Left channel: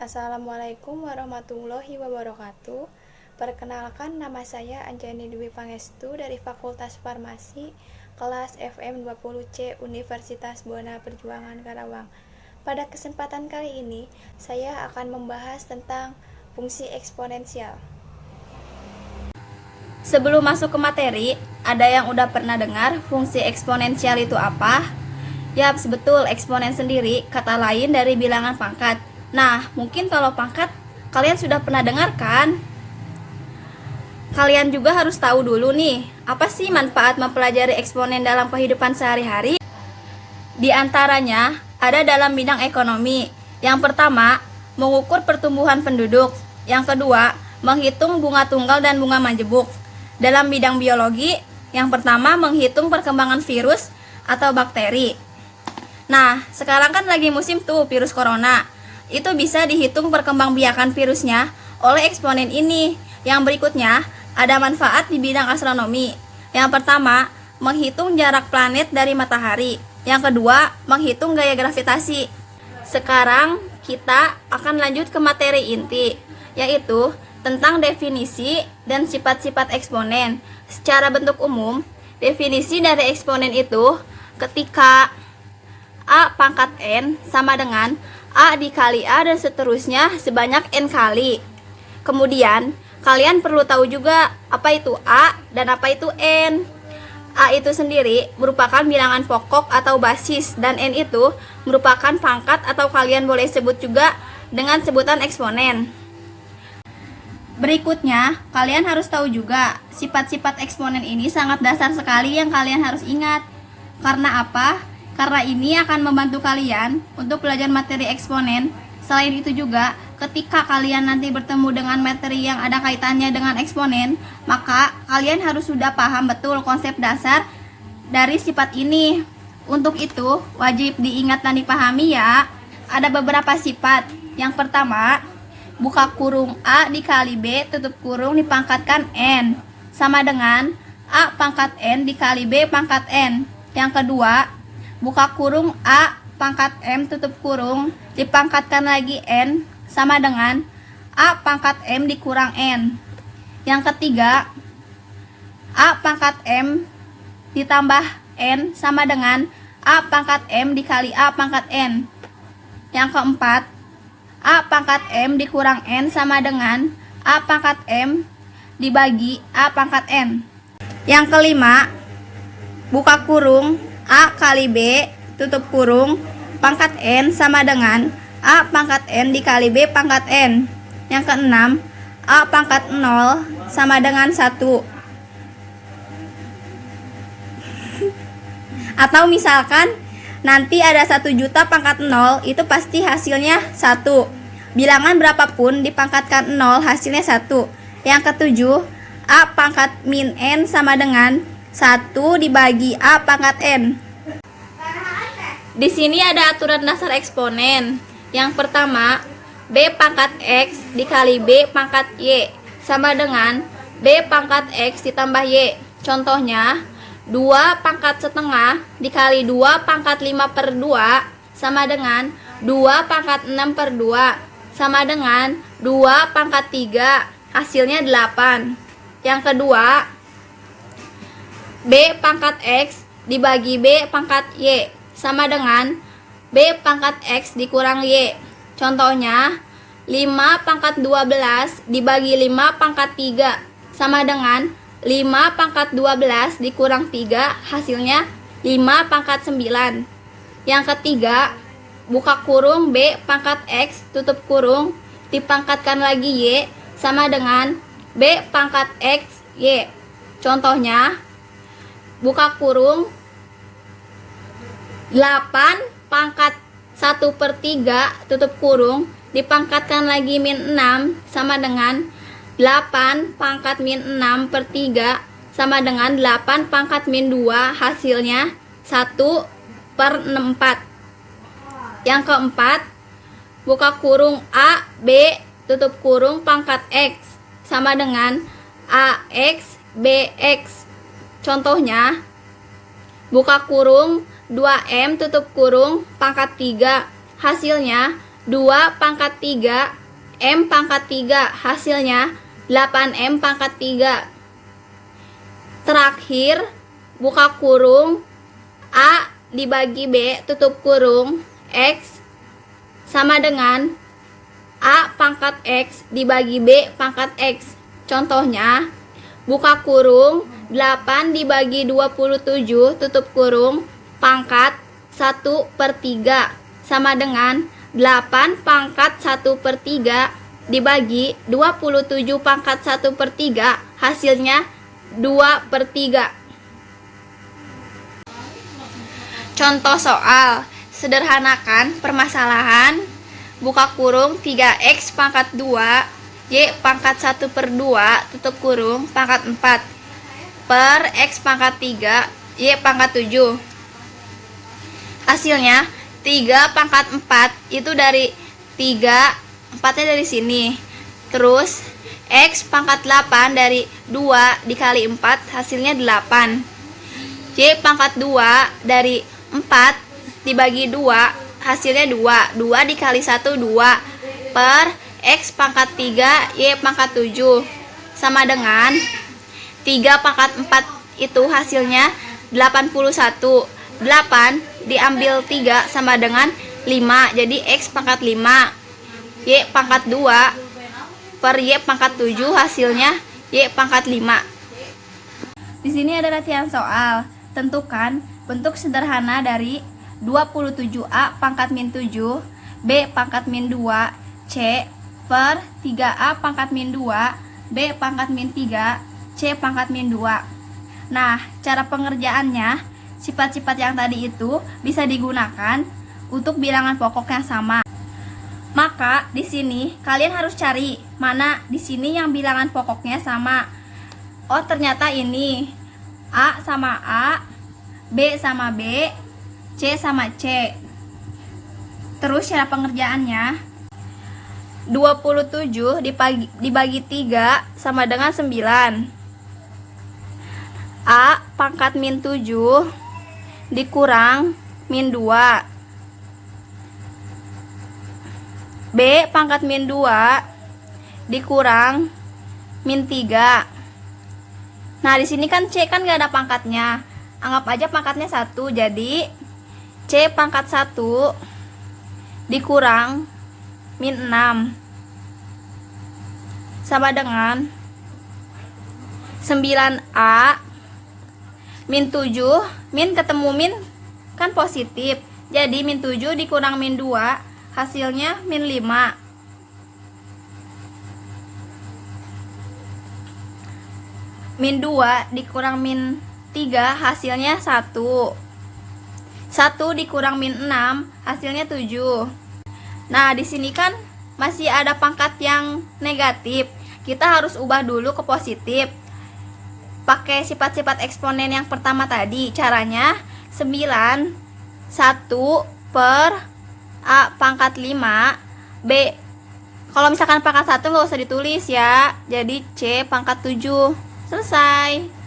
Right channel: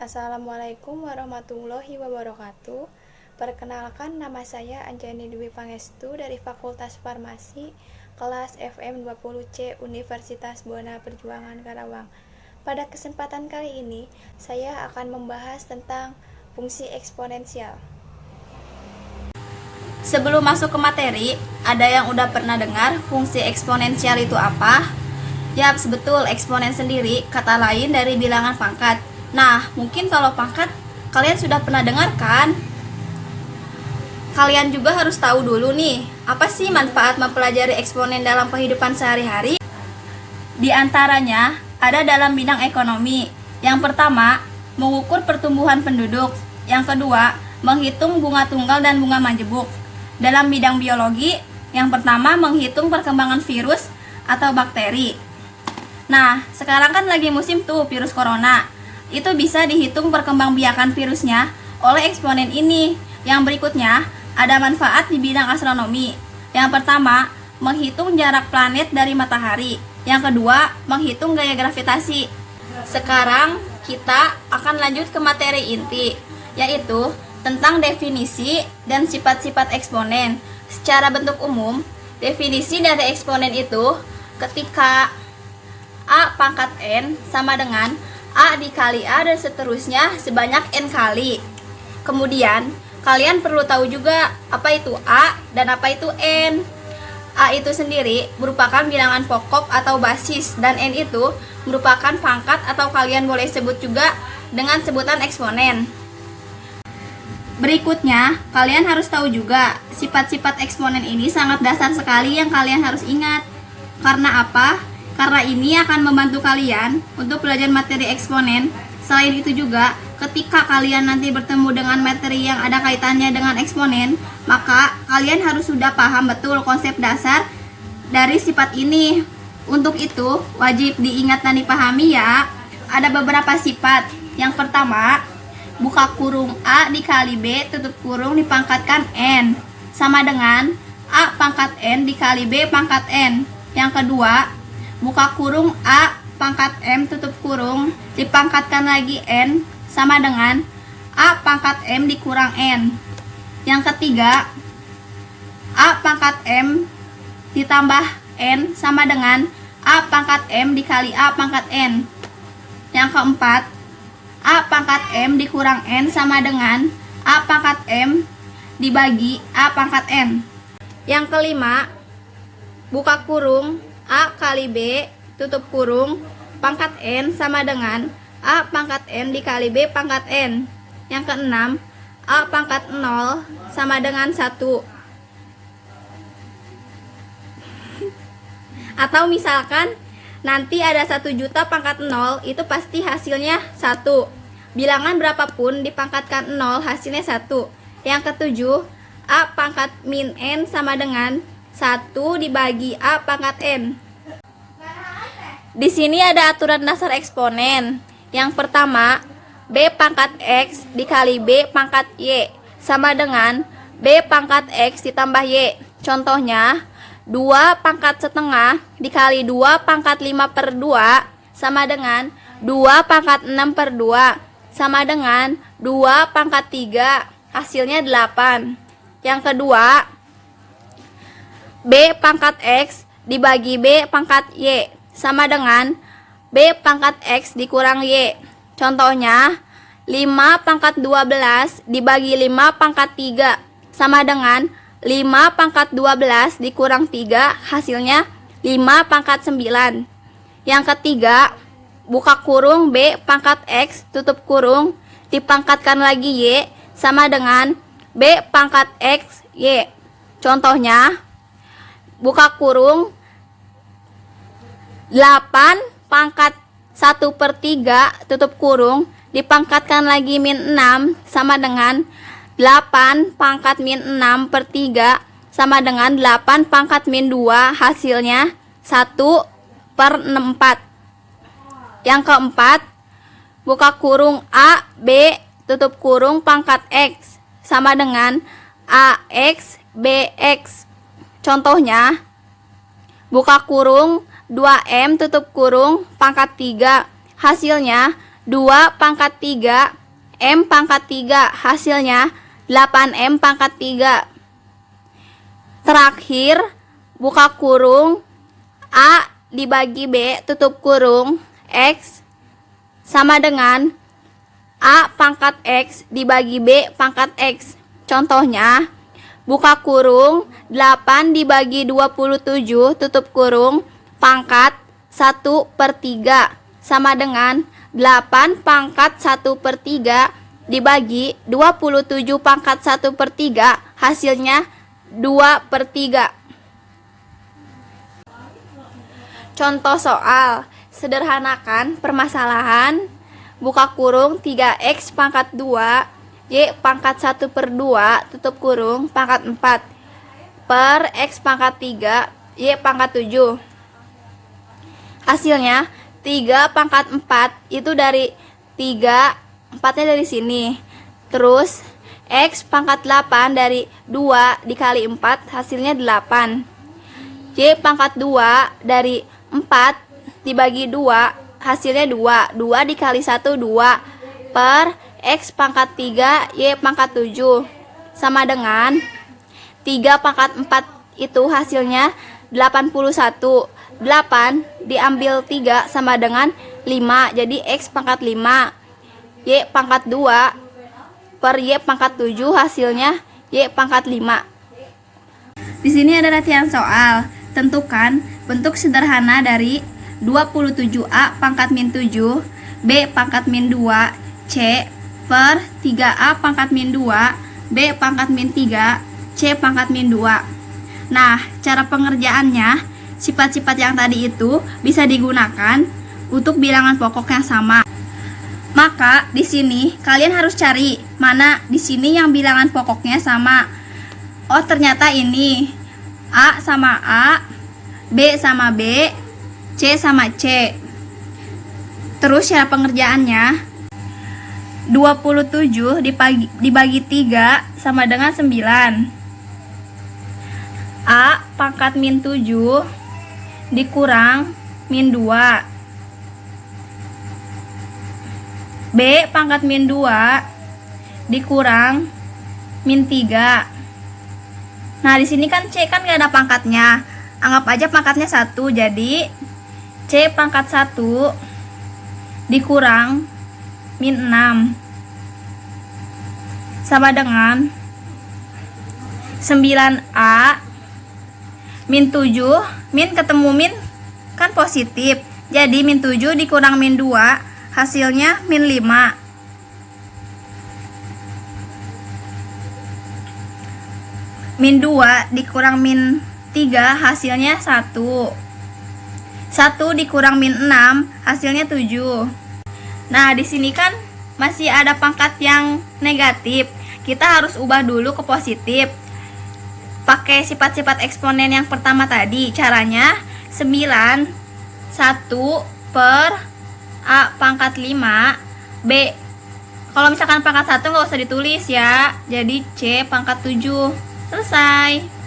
Assalamualaikum warahmatullahi wabarakatuh. Perkenalkan, nama saya Anjani Dwi Pangestu dari Fakultas Farmasi, kelas FM 20C Universitas Buana Perjuangan Karawang. Pada kesempatan kali ini, saya akan membahas tentang fungsi eksponensial. Sebelum masuk ke materi, ada yang udah pernah dengar fungsi eksponensial itu apa? Yap, betul, eksponen sendiri kata lain dari bilangan pangkat. Nah, mungkin kalau pangkat kalian sudah pernah dengar kan? Kalian juga harus tahu dulu nih, apa sih manfaat mempelajari eksponen dalam kehidupan sehari-hari? Di antaranya ada dalam bidang ekonomi. Yang pertama, mengukur pertumbuhan penduduk. Yang kedua, menghitung bunga tunggal dan bunga majemuk. Dalam bidang biologi, yang pertama menghitung perkembangan virus atau bakteri. Nah, sekarang kan lagi musim tuh virus corona. Itu bisa dihitung perkembangbiakan virusnya oleh eksponen ini. Yang berikutnya, ada manfaat di bidang astronomi. Yang pertama, menghitung jarak planet dari matahari. Yang kedua, menghitung gaya gravitasi. Sekarang kita akan lanjut ke materi inti, yaitu tentang definisi dan sifat-sifat eksponen. Secara bentuk umum, definisi dari eksponen itu ketika A pangkat N sama dengan A dikali A dan seterusnya sebanyak N kali. Kemudian, kalian perlu tahu juga apa itu A dan apa itu N. A itu sendiri merupakan bilangan pokok atau basis, dan N itu merupakan pangkat atau kalian boleh sebut juga dengan sebutan eksponen. Berikutnya, kalian harus tahu juga sifat-sifat eksponen ini sangat dasar sekali yang kalian harus ingat. Karena apa? Karena ini akan membantu kalian untuk belajar materi eksponen. Selain itu juga, ketika kalian nanti bertemu dengan materi yang ada kaitannya dengan eksponen, maka kalian harus sudah paham betul konsep dasar dari sifat ini. Untuk itu, wajib diingat dan dipahami ya. Ada beberapa sifat. Yang pertama, buka kurung A dikali B tutup kurung dipangkatkan N sama dengan A pangkat N dikali B pangkat N. Yang kedua, buka kurung A pangkat M tutup kurung dipangkatkan lagi N sama dengan A pangkat M dikurang N. Yang ketiga, A pangkat M ditambah N sama dengan A pangkat M dikali A pangkat N. Yang keempat, A pangkat M dikurang N sama dengan A pangkat M dibagi A pangkat N. Yang kelima, buka kurung A kali B tutup kurung pangkat N sama dengan A pangkat N dikali B pangkat N. Yang keenam, A pangkat 0 sama dengan 1. Atau misalkan nanti ada 1 juta pangkat 0, itu pasti hasilnya 1. Bilangan berapapun dipangkatkan 0 hasilnya 1. Yang ketujuh, A pangkat min N sama dengan 1 dibagi A pangkat N. Di sini ada aturan dasar eksponen. Yang pertama, B pangkat X dikali B pangkat Y sama dengan B pangkat X ditambah Y. Contohnya, 2 pangkat setengah dikali 2 pangkat 5 per 2 sama dengan 2 pangkat 6 per 2 sama dengan 2 pangkat 3, hasilnya 8. Yang kedua, B pangkat X dibagi B pangkat Y sama dengan B pangkat X dikurang Y. Contohnya, 5 pangkat 12 dibagi 5 pangkat 3 sama dengan 5 pangkat 12 dikurang 3, hasilnya 5 pangkat 9. Yang ketiga, buka kurung B pangkat X tutup kurung dipangkatkan lagi Y sama dengan B pangkat X Y. Contohnya, buka kurung 8 pangkat 1 per 3 tutup kurung dipangkatkan lagi min 6 sama dengan 8 pangkat min 6 per 3 sama dengan 8 pangkat min 2, hasilnya 1 per 4. Yang keempat, buka kurung A, B, tutup kurung pangkat X sama dengan AX, BX. Contohnya, buka kurung 2M tutup kurung pangkat 3, hasilnya 2 pangkat 3 M pangkat 3, hasilnya 8M pangkat 3. Terakhir, buka kurung, A dibagi B tutup kurung X sama dengan A pangkat X dibagi B pangkat X. Contohnya, buka kurung 8 dibagi 27 tutup kurung pangkat 1/3 sama dengan 8 pangkat 1/3 dibagi 27 pangkat 1/3, hasilnya 2/3. Contoh soal, sederhanakan permasalahan, buka kurung 3X pangkat 2 Y pangkat 1/2 tutup kurung pangkat 4 per X pangkat 3 Y pangkat 7. Hasilnya 3 pangkat 4 itu dari 3, 4-nya dari sini. Terus X pangkat 8 dari 2 dikali 4, hasilnya 8. Y pangkat 2 dari 4 dibagi 2, hasilnya 2. 2 dikali 1, 2 per X pangkat 3 Y pangkat 7 sama dengan 3 pangkat 4 itu hasilnya 81. 8 diambil 3 sama dengan 5, jadi X pangkat 5 Y pangkat 2 per Y pangkat 7, hasilnya Y pangkat 5. Di sini ada latihan soal. Tentukan bentuk sederhana dari 27A pangkat min 7 B pangkat min 2 C per 3A pangkat min 2 B pangkat min 3 C pangkat min 2. Nah, cara pengerjaannya, sifat-sifat yang tadi itu bisa digunakan untuk bilangan pokok yang sama. Maka di sini kalian harus cari mana di sini yang bilangan pokoknya sama. Oh, ternyata ini A sama A, B sama B, C sama C. Terus cara pengerjaannya, 27 dibagi 3 sama dengan 9. A pangkat min 7 dikurang min 2. B pangkat min 2 dikurang min 3. Nah, di sini kan C kan gak ada pangkatnya. Anggap aja pangkatnya 1. Jadi C pangkat 1 dikurang min 6 sama dengan 9A min 7. Min ketemu min kan positif. Jadi min 7 dikurang min 2, hasilnya min 5. Min 2 dikurang min 3, hasilnya 1. 1 dikurang min 6, hasilnya 7. Nah, di sini kan masih ada pangkat yang negatif. Kita harus ubah dulu ke positif. Pakai sifat-sifat eksponen yang pertama tadi. Caranya 9 1 per A pangkat 5 B. Kalau misalkan pangkat 1 nggak usah ditulis ya. Jadi C pangkat 7. Selesai.